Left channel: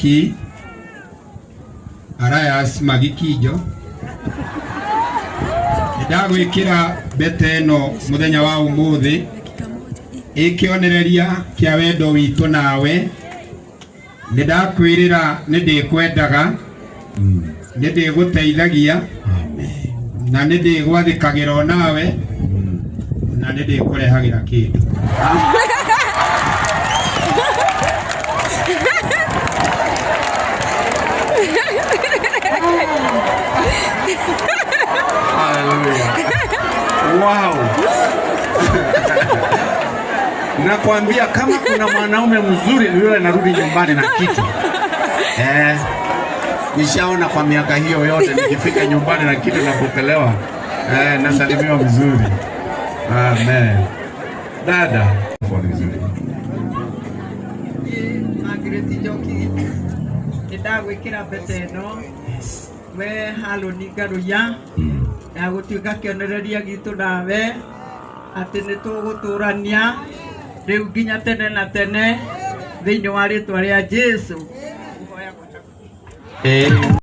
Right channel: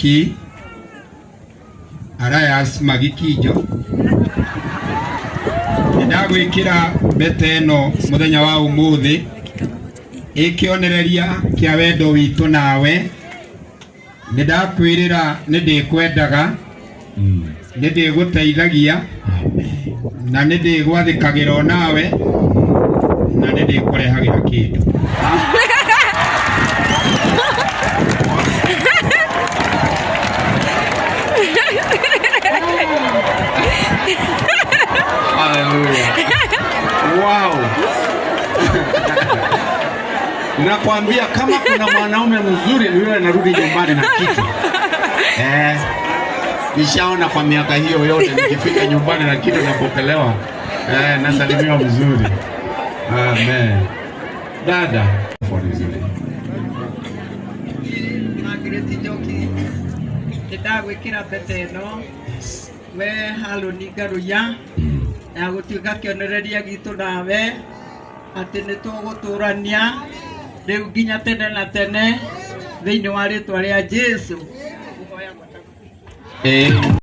Ki Arayas Magikijo ndagwikira bete no muthenya wa umuthi ikionereria kia wendo witu nawe ndakwirira ndikwendaga ndigũteithagia na ndigwathikagira nawe na ndikurehagira kindu Wow. Nakwambia kama kuna mwanaume mzuri yule anarudi nyumbani na kitu. Nishaona kwa miaka hiyo yote nikifika nyumbani na kitu napokelewa. Nasalimiwa vizuri. Amen. Dada. Margaret Joki. Ndagwikira bete no. We halo ni garuya. Na gutuika kionereria gitu nawe ati nituguturania riu nginya tene na tene thiini wa ritwa ria Jesu.